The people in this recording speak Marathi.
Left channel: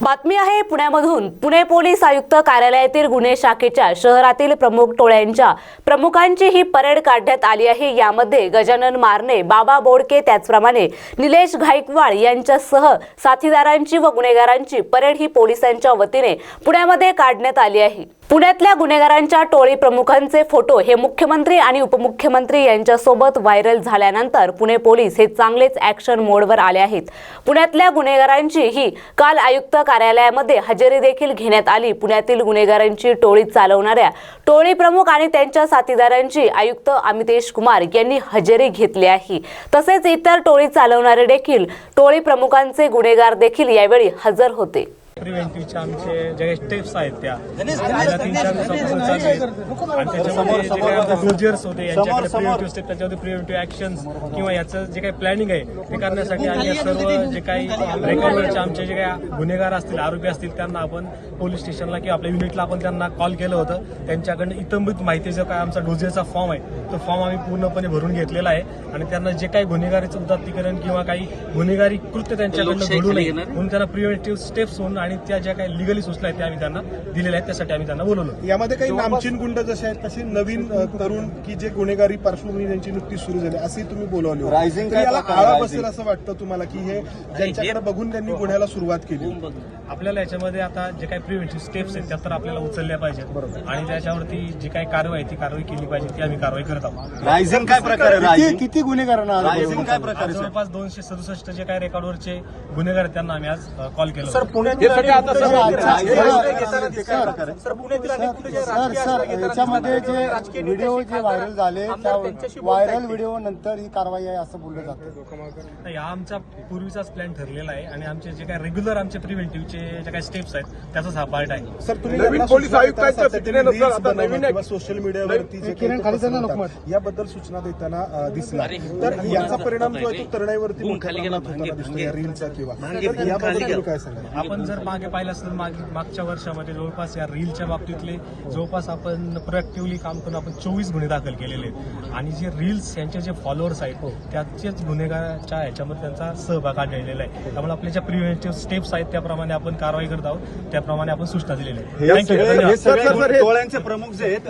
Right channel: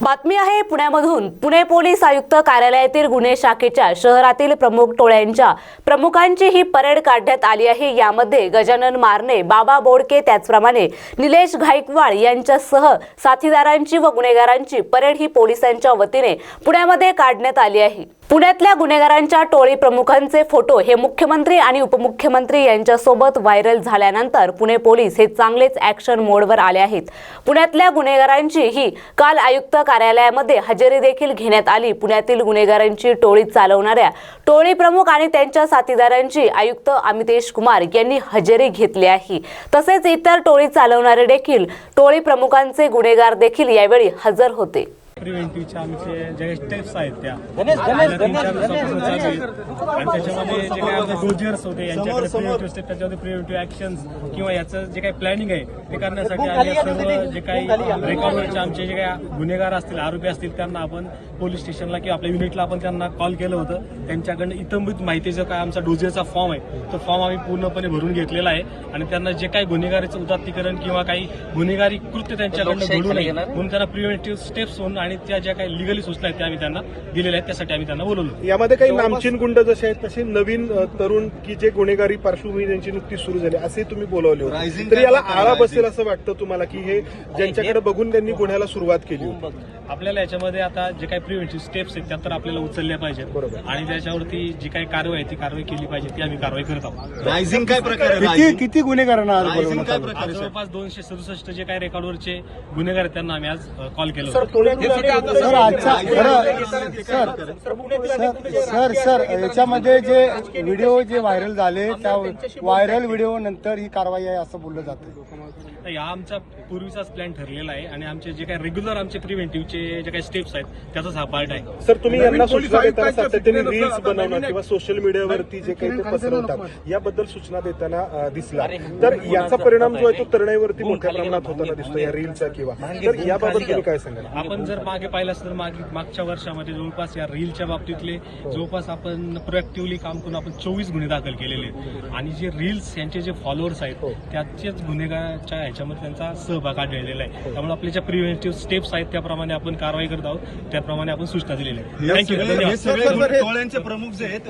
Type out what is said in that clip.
बातमी आहे पुण्यामधून. पुणे पोलीस आयुक्त कार्यालयातील गुन्हे शाखेच्या शहरातील प्रमुख टोळ्यांच्या प्रमुखांची ही परेड काढण्यात आली आहे. यामध्ये गजानन मारणे बाबा बोडके त्याचप्रमाणे निलेश घाईकवाड यांच्यासह साथीदारांची व गुन्हेगारांची परेड ही पोलिसांच्या वतीने पुण्यामध्ये काढण्यात आली आहे. पुण्यातल्या गुन्हेगारांच्या टोळी प्रमुखांचे फोटो हे मुख्यमंत्री आणि उपमुख्यमंत्री यांच्यासोबत व्हायरल झाल्यानंतर पुणे पोलीस हे चांगलेच ॲक्शन मोडवर आले आहेत. पुण्यातल्या गुन्हेगारांची ही काल आयुक्त कार्यालयामध्ये हजेरी देखील घेण्यात आली. पुण्यातील गुन्हेगारांची टोळी चालवणाऱ्या टोळी प्रमुख आणि त्यांच्या साथीदारांची आयुक्त अमितेश कुमार यांनी हजेरी घेतली आहे. तसेच इतर टोळी चालवणारे देखील टोळी प्रमुखांचे गुन्हेगार देखील यावेळी हजर होते. प्रिव्हेंटिव्हच्या आमचे जे काही स्टेप्स आहेत त्या. तीन चार दिवसापासून चालू आहेत आणि त्याच्यामध्ये जे काही आमचे डोजियर्स होते यांच्याकडे प्रिव्हेंटिव्ह स्टेप त्याच्यामध्ये प्रिव्हेंटिव्ह ऍक्शन्स किंवा याचं जे काही प्लॅनिंग आहे ते करण्यासाठी आम्ही या सर्व जे काही रेकॉर्डवरचे आमचे जे काही गुन्हेगार असतील आरोपी असतील त्यांना आपण पोलीस स्टेशनला किंवा आपल्या युनिटला आपण त्यांना कॉल केलं होतं. त्यांच्याकडनं इतंबित माहिती जो काय आमचा डोजियरचा फॉर्म आहे तो फॉर्म आम्ही पूर्णपणे भरून घेतलेला आहे. आणि त्यांना जे काही गुन्हेगारीचं उदात्तीकरण किंवा काही गुन्हेगारी कृत्य त्यांच्याकडनं घडू नये म्हणून त्यांना प्रिव्हेंटिव्ह स्टेप्स होऊन आणि त्या ज्या काही लिगली सूचना आहेत त्या आम्ही त्यांना दिलेल्या आहेत त्यासाठी आम्ही त्यांना बोलवलं. यामध्ये काही नामचीन गुंड जसे आहेत तसे नवीन तरुण की जे गुन्हेगारी पार्श्वभूमी त्यांची नुकतीच सुरू झाली असे तुम्ही बोलावले तर याला आळा? बसेल असं वाटतं तुम्हाला की हे ज्यांच्याकडे बघून त्यांनी गुन्ह्याला सुरुवात केली आपल्याला याच्यामध्ये आता जे काही प्रिव्हेंटिव्ह स्टेप्स आहेत त्या तर आपल्याला उचलल्या पाहिजेत. बरोबर. आणि त्याच्यावरती जी काही कारवाई आहे ती कारवाई केली पाहिजे ती आम्ही कारवाई करत आहोत. रायझिंग काय प्रकार? किती गुन्हेगारांना सर? जवळपास दोनशे सदुसष्ट जे काही रेकॉर्डवरचे गुन्हेगार आहेत त्यांना आम्ही आज कॉल केलं याच्यामध्ये जे व्हिडिओ जे व्हायरल झाले त्या व्हायरल व्हिडिओ नंतर ही कारवाई आहे असं बोललं जातं हा आमचा पूर्वीचाच प्लॅन ठरलेला आहे आणि आमचे जे काही रेग्युलर आमचे प्रिव्हेंटिव्हचे जे काही स्टेप्स आहेत त्याचाच हा पार्ट आहे सर तुम्ही सोशल मीडियावरती जे काही याबद्दल सूचना देताना दिसला तर याचा परिणाम जो आहे तो तरुणाईवरती होताना दिसतो या रीलच्या किंवा तुम्ही काय सांगाल आपण जर मागे पाहिलं असेल तर मागे मागच्या वर्षामध्ये जवळपास या रीलच्या बाबतीतले जवळपास आपण प्रोएक्टिव्हली काम करून आपण चोवीस गुन्हे दाखल केलेले आहेत. आणि जे रील्स यांचे जे फॉलोअर्स आहेत त्याच्याच गुन्हेगाराच्या ह्याच्यामध्ये त्यांचा सहभाग आढळलेला आहे. त्यामुळे आपल्या ज्या प्रिव्हेंटिव्ह स्टेप्स आहेत त्याप्रमाणे आपण कारवाई करत आहोत. त्याप्रमाणे आपण सूचना दिलेल्या आहेत. थँक्यू धन्यवाद. सगळे टोळ्यांचे प्रमुख जे आहेत